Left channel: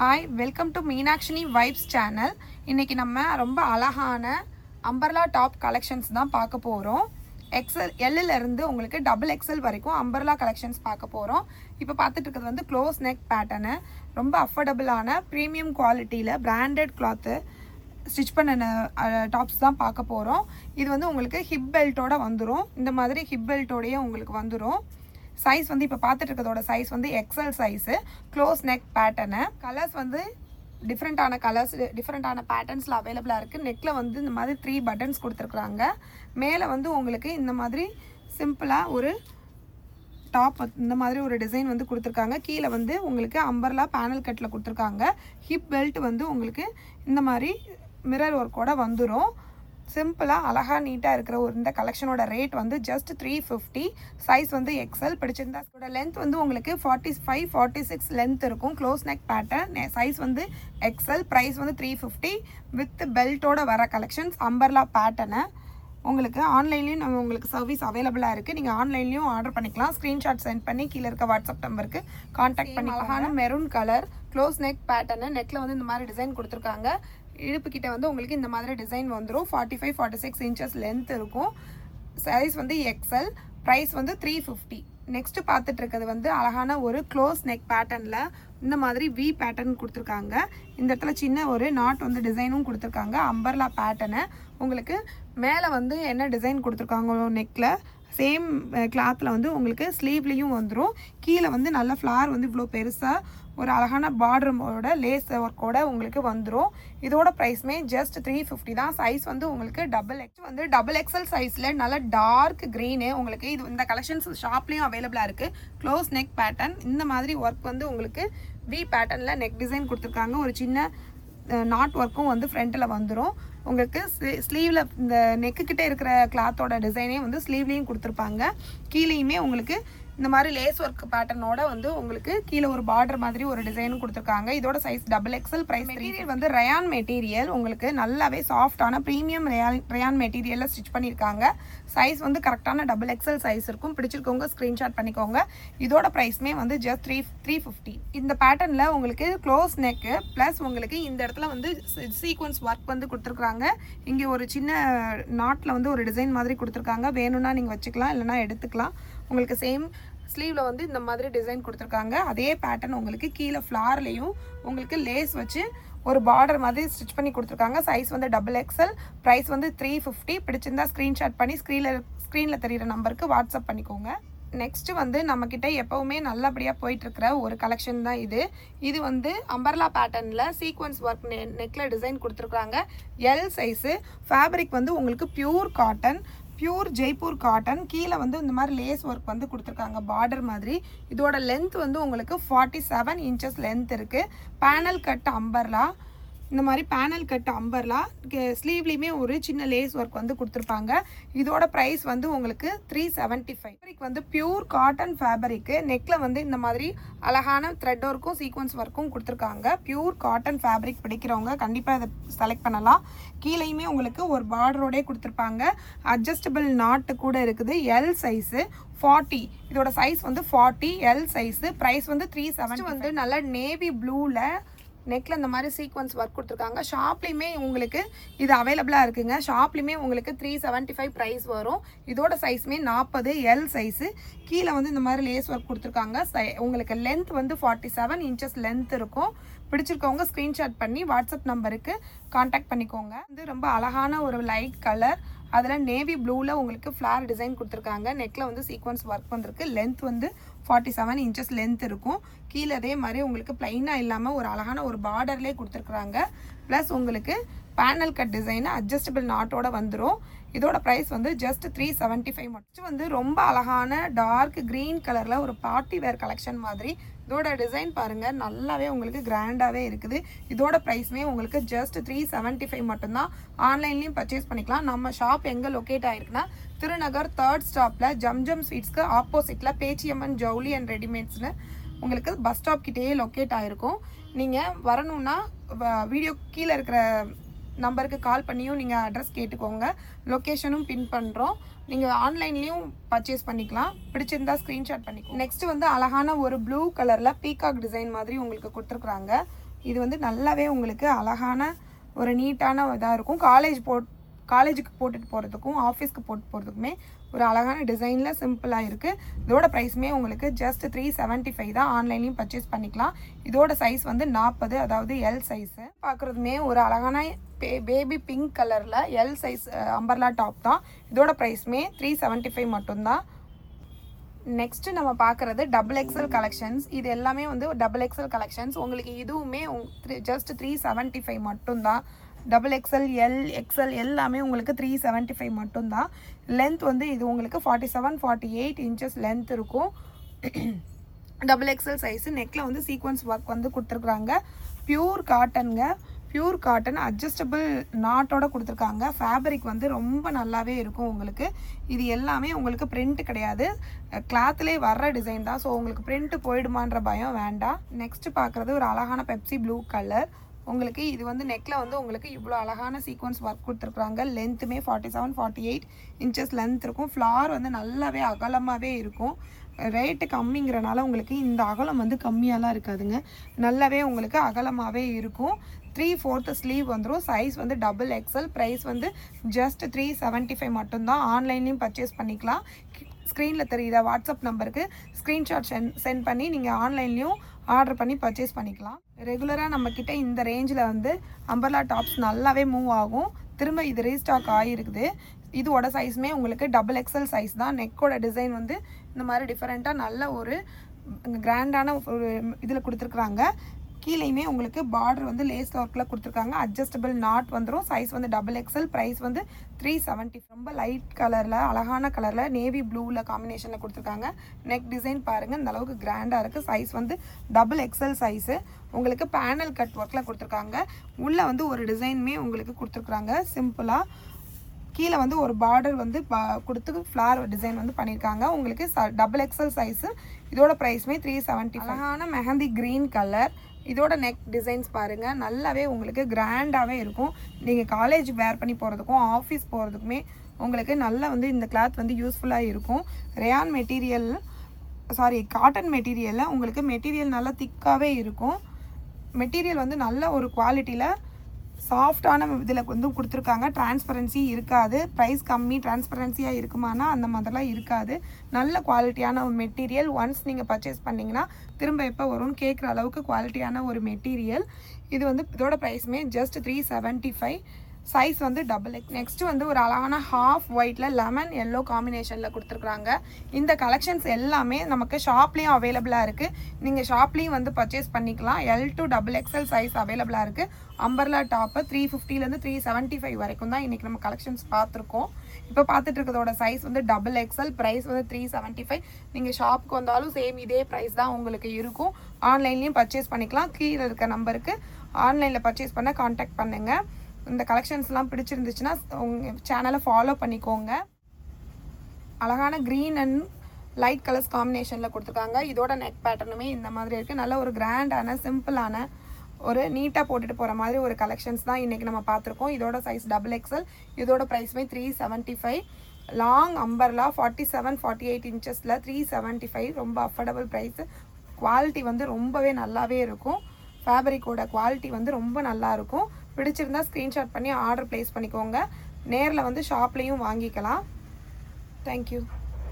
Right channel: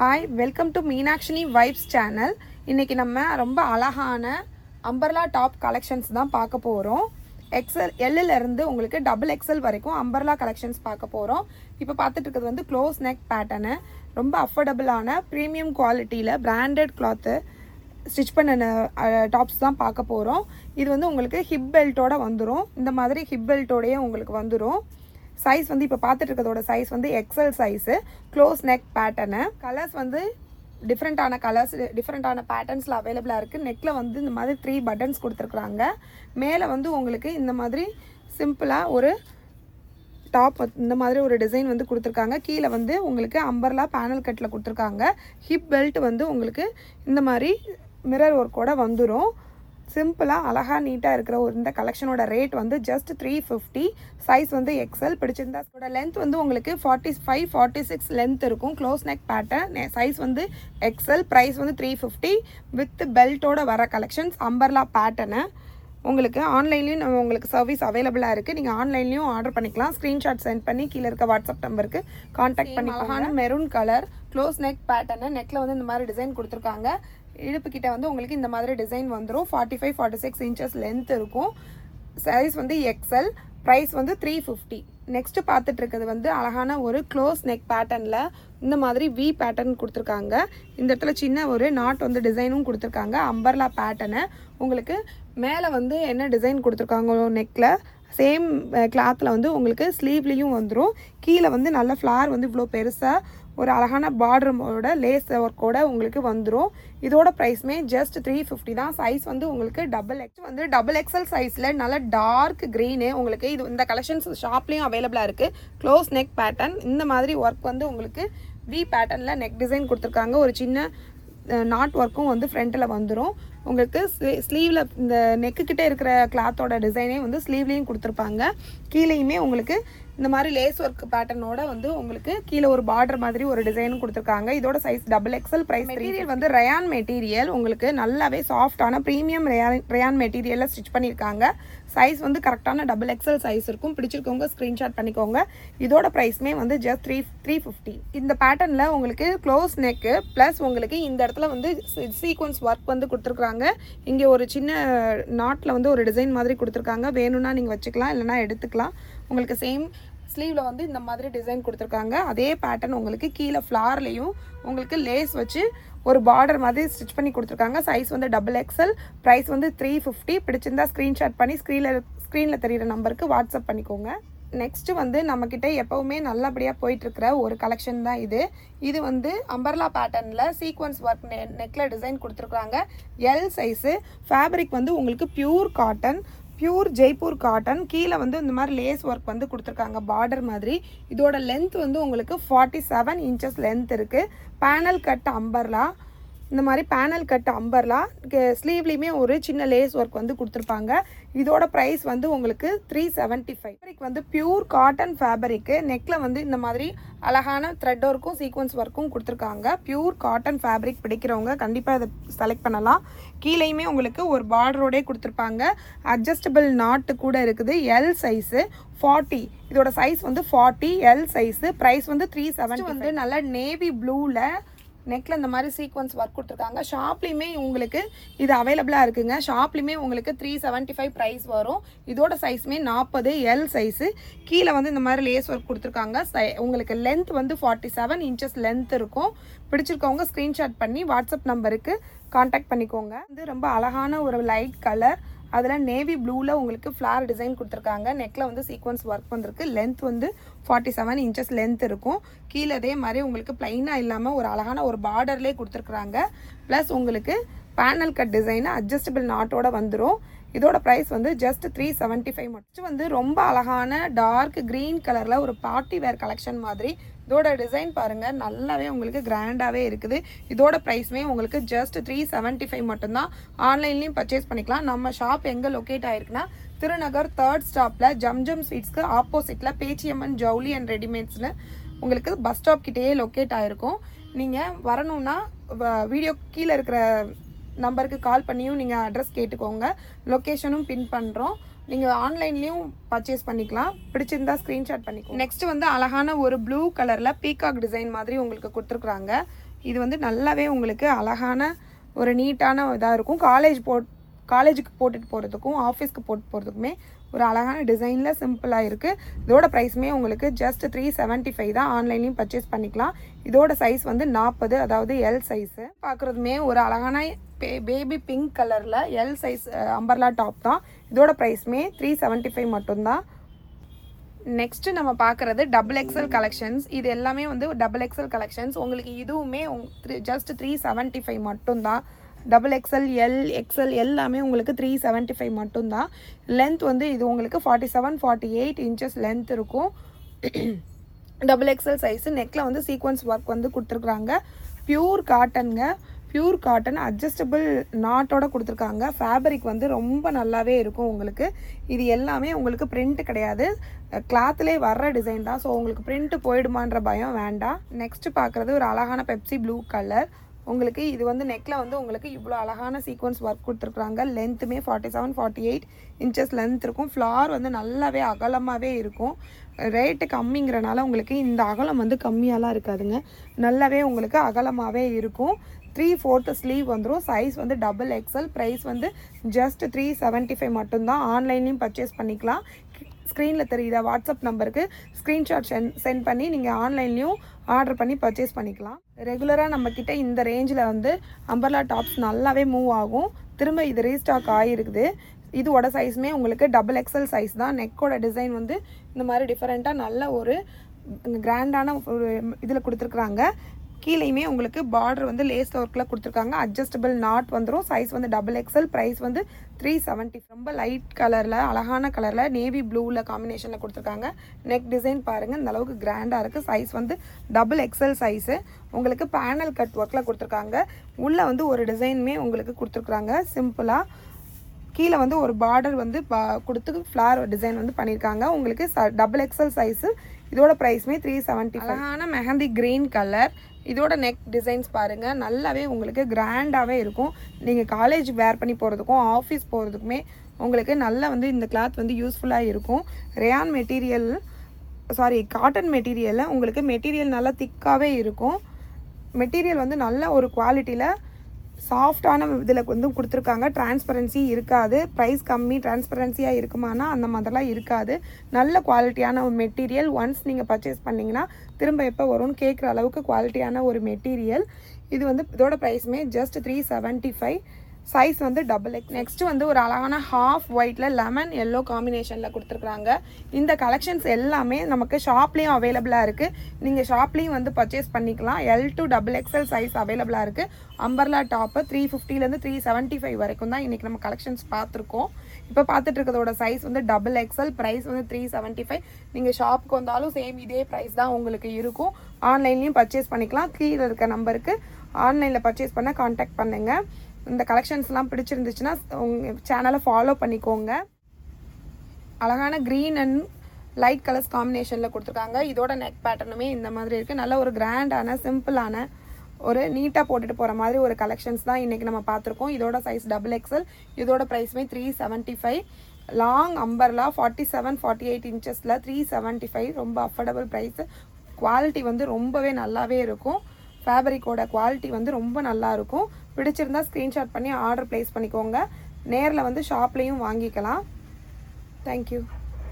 Hi, welcome to Meenakshini vibes channel. இன்றைக்கி நம்ம ரொம்ப அழகான அம்பர்லா டாப் கலெக்ஷன்ஸ் தான் பார்க்க போகிறோம். எல்லிருந்து உங்களுக்கு டபுள் எக்ஸல் வரைக்கும் அம்பர்லா கலெக்ஷன்ஸ் பார்க்க போகிறோம். இப்போ பார்த்துட்டு இருக்கிறது வந்து க்ளோஸ் நெக் பேட்டர்னு, ரொம்ப அஃபோர்டபுளான ப்ரீமியம் குவாலிட்டியில் பிராண்டட் கிளாத்து ஸ்டிச் பண்ண டாப்ஸ் தான் பார்க்க போகிறோம். இது வந்து உங்களுக்கு ஹிப் பெல்ட்டோட வந்துடும். இந்த மாதிரி ஹிப் பெல்ட்டோடையே உங்களுக்கு வந்துடும். சைஸ் வந்து இப்போ பார்த்துட்டு இருக்கிறதோட சைஸ் வந்து XL size, close neck pattern. Colours வந்து டிஃப்ரெண்ட்டான கலர்ஸ், டிஃப்ரெண்ட்டான பேட்டர்ன்ஸில் அவைலபிளாக இருக்குது. நெக்கில் வந்து இந்த மாதிரி 3 பட்டன்ஸ் கொடுத்துருக்குறாங்க. மேலே வந்து உங்களுக்கு இந்த மாதிரி சிம்பிளாக ஒரு டாப் இந்த மாதிரி ஒரு டிசைன் வந்து கொடுத்துருக்காங்க. கீழே வந்து உங்களுக்கு அம்பர்லா பேனல் கட்டில் கொடுத்துருக்காங்க. ஹிப் பெல்ட் வந்து உங்களுக்கு இந்த மாதிரி மிரர் ஒர்க்கோட வந்துடும். சிம்பிளாக அழகாக நீட்டாக இருக்கிற இந்த கலெக்ஷனோட ரேட் வந்து ஜஸ்ட் 350. சைஸ் வந்து எக்ஸல். பிடிச்சிருந்தா அதோட லென்த் வந்து உங்களுக்கு 45-46 லென்த் இருக்கும். Close neck pattern. சைஸ் வந்து எக்ஸல். ப்ரைஸ் வந்து 350 வித் பெல்ட்டோட வர கலெக்ஷன்ஸ். அம்பர்லா பேட்டர்னு உங்களுக்கு ஆன்லைன்லேயும் உங்களுக்கு சர்வீஸ் அவைலபிளாக இருக்குது. நீங்கள் ஆன்லைன்லேயும் ஆர்டர் பண்ணிக்கலாம். ஸ்க்ரீன்ஷாட் சென்ட் பண்ணி கீழே இருக்க வாட்ஸ்அப் நம்பருக்கு கான்டாக்ட் பண்ணி. அழகான maroon colour close neck pattern. நெக்கில் வந்து இந்த மாதிரி டிசைன் கொடுத்துருக்காங்க. இடுப்பு கிட்ட வந்து உங்களுக்கு இந்த மாதிரி டிசைன் வந்துடும். 45-46 இன்ச்சஸ் லென்த் இருக்கும். சைஸ் வந்து எக்ஸல். ப்ரைஸ் வந்து 350. நெக்ஸ்ட் பார்த்துட்டு இருக்கிறது வந்து அழகான ஒரு க்ளோஸ் நெக் பேட்டர்னில் இந்த மாதிரி வி பேட்டர்ன் கொடுத்துருக்காங்க. இந்த இடத்துல சின்ன ஒரு நாட் வந்து டிசைனும் கொடுத்துருக்காங்க. Umbrella pattern. உங்களுக்கு மேலே வந்து என்ன டிசைன் கொடுத்துருக்காங்க நெக்கில் சேம் கிளாத்தில் வந்து உங்களுக்கு ஸ்லீவ்லேயும் வந்துடும். கீழே வந்து நல்ல ஃப்ளார் வந்து இவ்வளோ பெருசாக ஒரு அழகான பார்டரோட லேஸ் ஒர்க்கோட உங்களுக்கு வந்துடும். இதோட ப்ரைஸ்மே ஜஸ்ட் 350 தான். சைஸ் வந்து உங்களுக்கு டபுள் எக்ஸல் சைஸில் நல்ல டார்க் க்ரீனு. உங்களுக்கு இது இந்த கலெக்ஷன்ஸ் ஷாப்லேயும் அவைலபிளாக இருக்குது. Close neck pattern. இந்த மாதிரி ஒர்க் வந்து உங்களுக்கு வி பேட்டர்னில் நெக் டிசைன் கொடுத்துருக்காங்க. ஒரு சின்ன நாட் ஒர்க்கும் வந்து ஃப்ரண்ட்டில் வந்துடும். உங்களுக்கு ஸ்லீவில் இந்த நெக்குக்கிட்டே இருக்கிற கிளாத்தோட டிசைனே வந்து ஸ்லீவ்லேயும் கொடுத்துருப்பாங்க. கீழேயுமே உங்களுக்கு இந்த மாதிரி லேஸ் ஒர்க் பேட்டர்னோட வந்து உங்களுக்கு கீழே ஒரு பார்டர் மாதிரி ஒரு டிசைனும் கொடுத்துருக்காங்க. இதோட size double XL. Price material வந்து ரயான் மெட்டீரியல். உங்களுக்கு நல்லாவே சாஃப்டான ப்ரீமியம் ரயான் மெட்டீரியலில் ஸ்டிச் பண்ணியிருக்காங்க. சைஸ் வந்து கரெக்டான டபுள் எக்ஸல் சைஸ் இருக்கும். பிடிச்சிருக்கவங்க ஸ்க்ரீன்ஷாட் பண்ணிக்கோங்க. இதோட ப்ரைஸ்மே வந்து ஜஸ்ட் 350. இந்த பேட்டர்னில் உங்களுக்கு க்ளோஸ் நெக்கு ப்ளஸ் உங்களுக்கு இந்த இடத்துல வந்து சீக்வன்ஸ் ஒர்க் வந்து கொடுத்துருக்காங்க. இங்கே ஒரு சின்ன நாட்டில் வந்து ஒரு டிசைன் மாதிரி கொடுத்துருக்காங்க. வேணும்னா நீங்கள் வச்சுக்கலாம், இல்லைனா எடுத்துக்கலாம். உங்களுக்கு சேம் ஸ்லீவில் வந்து இந்த மாதிரி டிசைன் கொடுத்துருக்காங்க. அதே பேட்டர்ன் உங்களுக்கு கீழே ஃப்ளார்லேயும் உங்களுக்கு லேஸ் வச்சு ஒரு பார்டர் மாதிரி ஸ்டிச் பண்ணி கொடுத்துருக்காங்க. சைஸ் வந்து டபுள் எக்ஸல். ப்ரைஸ் வந்து 350. பிடிச்சிருந்தா ஸ்க்ரீன்ஷாட் பண்ணி ஸ்க்ரீனில் தெரிகிற நம்பருக்கு வாட்ஸ்அப் பண்ணிக்கோங்க. நெக்ஸ்ட்டு வந்து நம்மக்கிட்ட எப்போவுமே நல்லபடியாக போயிட்டுருக்கிற ஒரு கலெக்ஷன் தான் இது. இது வந்து அம்பர்லா பேட்டர்னில் சீக்வன்ஸ் ஒர்க் நெக்கில் டிசைன் கொடுத்துருக்குறாங்க. L size. ஃபேப்ரிக் வந்து உங்களுக்கு pure cotton, pure Jaipur cotton. கீழே வந்து இந்த மாதிரி லேஸ் ஒர்க் வந்து கொடுத்துருக்காங்க பார்டர் மாதிரி. இதோட லென்த் வந்து உங்களுக்கு 47 இன்ச்சஸ் லென்த் இருக்குது. Panel cut umbrella. இந்த மாதிரி பேனல் கட் அம்பர்லா. ஸ்லீவ்லேயுமே ஒரு சின்ன லேஸ் ஒர்க் வந்து கொடுத்துருப்பாங்க. இதோட ப்ரைஸ் வந்து உங்களுக்கு 375. ஃபேப்ரிக் வந்து பியூர் காட்டன் ஃபேப்ரிக்கு. நெக்கில் வந்து இந்த மாதிரி அழகான த்ரெட் ஒர்க்கும் சீக்வன்ஸ் ஒர்க்கும் கொடுத்துருக்காங்க. பியூர் காட்டன் ஃபேப்ரிக் பிடிக்கிறவங்க கண்டிப்பாக இதை செலக்ட் பண்ணலாம். கீழேயுமே உங்களுக்கு ஒரு பார்டரோடே கொடுத்துருப்பாங்க. அட்ஜஸ்டபிள் நாட்டு கூட இருக்குது. L size 40. இதோட சைஸ் வந்து 40 எல் சைஸு. ப்ரைஸ் வந்து 370. வந்து நல்ல நேவி ப்ளூவில் நெக்கில் இந்த மாதிரி சீக்வன்ஸ் ஒர்க் கொடுத்துருக்காங்க. ஷாப்லேயுமே உங்களுக்கு இது அவைலபிளாக இருக்குங்க. ஷாப்லேயுமே உங்களுக்கு 375 ப்ரைஸ் வரும். இதோட சைஸுமே 40 எல் சைஸு. கீழே வந்து இந்த மாதிரி லேஸ் ஒர்க் கொடுத்துருக்காங்க. உங்களுக்கு லென்த் வந்து 47 இன்ச்சஸ் லென்த் இருக்கும். பிடிச்சிருக்கவங்க ஸ்க்ரீன்ஷாட் பண்ணி வாட்ஸ்அப் நம்பருக்கு கான்டாக்ட் பண்ணிக்கோங்க. வந்து ரொம்ப அழகான ஒரு லைட் கலர், அதில் நேவி ப்ளூவில் உங்களுக்கு ஃப்ளார் டிசைன் கொடுத்துருக்காங்க. நெக்கில் வந்து சீக்வன்ஸ் ஒர்க் வந்திருக்கு. லென்த் வந்து 47 இன்ச்சஸ் லென்த் இருக்கும். கீழே அதே மாதிரி உங்களுக்கு பிளைனாக இல்லாமல் ஒரு அழகான ஒரு பார்டர்லேயே கொடுத்துருக்குறாங்க. ப்ளஸ் உங்களுக்கு பேனல் கட் டிசைனு அட்ஜஸ்டபிள் நாட்டோட வந்துடும். இதோட ப்ரைஸ் வந்து ஜஸ்ட் 375 மட்டும். வந்து ரொம்ப அழகான டார்க் க்ரீன் கலரில் ஒரு பார்ட்டி வேர் கலெக்ஷன் மாதிரி. இதோட டிசைன் பாருங்கள், நல்லாவே உங்களுக்கு கிராண்டாகவே இருக்குது. இதோட ப்ரைஸ்மே உங்களுக்கு ஜஸ்ட் 375 மட்டும்தான். ஆன்லைன்லேயும் பர்ச்சேஸ் பண்ணிக்கலாம். நம்ம ஷாப் எங்கே லொக்கேட் ஆகிருக்குன்னா திருநகர் 3rd ஸ்டாப்பில் ஜம்ஜம் ஸ்வீட்ஸ்க்கு ஆப்போசிட்டில் பேச்சியம்மன் ஜவுளி அண்ட் ரெடிமேட்ஸில் உங்களுக்கு பஸ் ஸ்டாப் கிட்டேயே லொக்கேட் ஆகிருக்கும். நீங்கள் வரணும்னா வீடியோ கீழே இருக்கிற நம்பருக்கு கால் பண்ணியும் நீங்கள் அட்ரஸ் கேட்டுக்கோங்க. லொக்கேஷனும் பின் பண்ணுறோம். நீங்கள் ஆன்லைன்லேயும் பர்ச்சேஸ் பண்ணிக்கலாம். பிடிச்சிருந்தா ஸ்க்ரீன்ஷாட் பண்ணிக்கோங்க. நெக்ஸ்ட் வந்து அழகான ஒரு ப்ளூ கலரில் பீகாக் டிசைன் மாதிரி உங்களுக்கு கொடுத்துருக்குறாங்க. இது வந்து நல்லாவே உங்களுக்கு அழகான ஒரு நீட்டான இதாக இருக்கும். காலேஜுக்கு போட்டுட்டு போகிறதுக்கும் ஆஃபீஸ்க்கு போட்டு போகிறதுக்குமே ஒரு அழகான டிசைனில் சிம்பிளாக இருக்குது. இதோட ப்ரைஸுமே உங்களுக்கு ஜஸ்ட் 375 தான். ஆன்லைன்லேயும் பர்ச்சேஸ் பண்ணிக்கலாம். இதோட சைஸ் வந்து 40, அதாவது எல் சைஸு. பார்க்குறதுமே ஒரு அழகான பேபி பிங்க் கலரில் எல் சைஸ் அம்பர்லா டாப் தான். இதோட ப்ரைஸுமே 375 மட்டும்தான். நெக்ஸ்ட்டு நம்ம பார்க்குறது டபுள் எக்ஸல் கலெக்ஷன்ஸ். இது எல்லாமே வந்து டபுள் எக்ஸல் கலெக்ஷன்ஸ். உங்களுக்கு இதுவுமே ஜஸ்ட் 375 மட்டும்தான். டபுள் எக்ஸல், எல், எக்ஸல் எல்லாமே உங்களுக்கு 375 மட்டும்தான். லென்த் வந்து இது உங்களுக்கு 47-48 இன்ச்சஸ் லென்த் இருக்கும். Double XL size. நெக்கில் வந்து சீக்வன்ஸ் ஒர்க் வந்து கொடுத்துருக்குறாங்க. பியூர் காட்டனுங்க. பியூர் காட்டன் அட்ஜஸ்டபிள் நாட்டோட கொடுத்துருக்காங்க. ஃபேப்ரிக் வந்து ரொம்ப நல்லாவே இருக்கும் உங்களுக்கு. இது எல்லாமே உங்களுக்கு பிரிண்ட் கிடையாது, கிளாத்லேயே வர்ற டிசைன் தான். ஸோ உங்களுக்கு பிரிண்ட் போயிடுமான்ற பயம் வேண்டாம். நெக்ஸ்ட் பார்க்குறது ஒரு அழகான பெப்சி ப்ளூ கலர். உங்களுக்கு இது வந்து நெக்கில் வந்து உங்களுக்கு இவ்வளோ அழகான சீக்வன்ஸ் ஒர்க் கொடுத்துருக்குறாங்க. லென்த்துமே 47-48 இன்ச்சஸ் லென்த் இருக்கும். ஃப்ளார் வந்து நல்லாவே அகலமாகவே இருக்கும். ரேட்டு கம்மிங்கிறனால உங்களுக்கு இந்த அகலம் வந்து கம்மியாலாம் இருக்காதுங்க, நல்லாவே உங்களுக்கு அகலமாகவே இருக்கும். 3/4 ஸ்லீவ் வந்துடும். சைஸ் வந்து டபுள் எக்ஸல். ப்ரைஸ் வந்து ஜஸ்ட் 375 மட்டும்தான். ஆன்லைன்லேயும் பர்ச்சேஸ் பண்ணிக்கலாம். ஸ்க்ரீனில் தெரியுதா வாட்ஸ்அப் நம்பருக்கு ஸ்க்ரீன்ஷாட் சென்ட் பண்ணி நீங்கள் ஆன்லைன்லேயும் ஆர்டர் பண்ணி பர்ச்சேஸ் பண்ணிக்கலாம். ரெகுலராக நம்மக்கிட்ட இந்த ரேஞ்சில் வந்து அம்பர்லா டாப்ஸ் நல்லாவே மூவ் ஆகும். திரும்ப இது ரீஸ்டாக் ஆகிருக்குது. இதோட சைஸுமே உங்களுக்கு டபுள் எக்ஸல் சைஸ் தான். நெக்கோட டிசைன் வந்து இந்த மாதிரி டிஃப்ரெண்ட்டாக நல்ல ஒரு கிராண்டான ஒரு இதில் கொடுத்துருக்குறாங்க. கீழேயுமே உங்களுக்கு பார்டர் வந்து லேஸ் ஒர்க்கில் கொடுத்துருக்காங்க. அட்ஜஸ்டபிள் நாட் வந்துடும். சைஸ் வந்து டபுள் எக்ஸல். ப்ரைஸ் வந்து 370. ரொம்ப லைட் கலரில் அழகான கலரில் நேவி ப்ளூவில் காம்பினேஷனில் கொடுத்துருக்காங்க. நெக் டிசைன் பாருங்கள், இந்த அளவுக்கு கிராண்டாக இருக்குது. சைஸ் வந்து டபுள் எக்ஸல் சைஸு. உங்களுக்கு பேனல் கட் ஒர்க்கில் கொடுத்துருக்காங்க. உள்ளே வந்து ஒரு டிசைனுமே உங்களுக்கு கொடுத்துருக்குறாங்க சிம்பிளாக. கீழே வந்து ஒரு பார்டர் வந்து கொடுத்து ஃப்ளார் டிசைன் வந்து பண்ணியிருக்காங்க. உங்களுக்கு டபுள் எக்ஸல் சைஸு. இதோட ப்ரைஸுமே 370. அழகான மெஹந்தி கிரீன் கலர். இதோட நெக் டிசைன்ஸ் பாருங்கள், நல்லாவே உங்களுக்கு கிராண்டாகவே இருக்கும். நீங்கள் காலேஜ் வேர் பண்ணி போகிறதுக்கும் ஆஃபீஸ் போகிறதுக்குமே உங்களுக்கு நல்லா வந்து இந்த கிளாத் வந்து யூஸ்ஃபுல்லாக இருக்கும். ரேயான் மெட்டீரியல், காட்டன் மெட்டீரியலில் உங்களுக்கு மெட்டீரியல் நல்லா திக்காகவே இருக்கும். மெட்டீரியல் வந்து நல்ல ஒரு குவாலிட்டியில் சாஃப்டான இதில் வந்து கொடுத்துருக்காங்க. டிரான்ஸ்பரன்சி இருக்காது. ப்ரைஸ் கம்மி, டிரான்ஸ்பரன்சியாக இருக்குமானா அந்த மாதிரிலாம் இருக்காது. நல்ல குவாலிட்டியான ஒரு மெட்டீரியல். ஒன்ஸ் நீங்கள் பர்ச்சேஸ் பண்ணிங்கன்னா திரும்ப எப்போ வரும்னு கேட்குற அளவுக்கு குவாலிட்டியான ஒரு மெட்டீரியல். இது வந்து இதோட ப்ரைஸுமே ஜஸ்ட் 375. சைஸ் வந்து டபுள் எக்ஸ். நெக்ஸ்ட் வந்து ஒரு அழகான ஹாஃப் ஒயிட்டில் லெமன் எல்லோ காம்பினேஷனில் கொடுத்துருக்குறாங்க. இந்த கலெக்ஷன்ஸ் எல்லாமே நமக்கு ஷாப்லேயும் அவைலபிளாக இருக்குது. நீங்கள் ஷாப்லேயும் வந்து பர்ச்சேஸ் பண்ணிக்கலாம். L to XXL சைஸ் அவைலபிளாக இருக்குது. அம்பர்லா டாப்பு 350லேருந்து 375 வரைக்கும் தான் இன்றைக்கி நம்ம கலெக்ஷன்ஸ் பார்த்துருக்கோம். இப்போ பார்த்துட்டு இருக்கிறதோட சைஸ் வந்து டபுள் எக்ஸல். ப்ரைஸ் வந்து 375. நீங்கள் ஷாப்புக்கு வந்தாலும் சேம் இதே ப்ரைஸ் தான் உங்களுக்கு இருக்கும். ஆன்லைன்லேயும் பர்ச்சேஸ் பண்ணிக்கலாம். கீழே இருக்க நம்பருக்கு ஆன்லைனில் பர்ச்சேஸ் பண்ண கான்டாக்ட் பண்ணுங்கள். இந்த கலெக்ஷன்ஸ்லாம் பிடிச்சிருந்துச்சுன்னா உங்கள் சேனலை ஃபாலோ பண்ணிக்கோங்க. அழகான க்ரீன் அண்ட் லைட் கலர்ஸ் காம்பினேஷனில் கொடுத்துருக்காங்க. இதோட நெக் பேட்டர்னுமே இந்த மாதிரி இருக்குது. நல்ல ஒரு கிராண்டான சிம்பிளான ஒரு நீட்டாக போட்டுட்டு போகிற மாதிரி ஒரு கலெக்ஷன்ஸ் தான் இன்றைக்கி நம்ம பார்த்துருக்கோம். இதோட சைஸ் டபுள் எக்ஸல். இதோட ப்ரைஸுமே 375. Long umbrella 47-48 இன்ச்சஸில் 375. ரொம்ப அஃபோர்டபுள் ப்ரைஸு. குவாலிட்டி வந்து ரொம்பவே நல்லாவே இருக்கும். ஃபேப்ரிக்கோட குவாலிட்டி வந்து ரொம்ப நல்லா இருக்கும். பிடிச்சிருந்தா ஸ்க்ரீன்ஷாட் பண்ணி ஆர்டர் ப்ளேஸ் பண்ணிக்கோங்க. நேரில் வந்து ஷாப்லேயும் வாங்கிக்கலாம். தேங்க்யூ.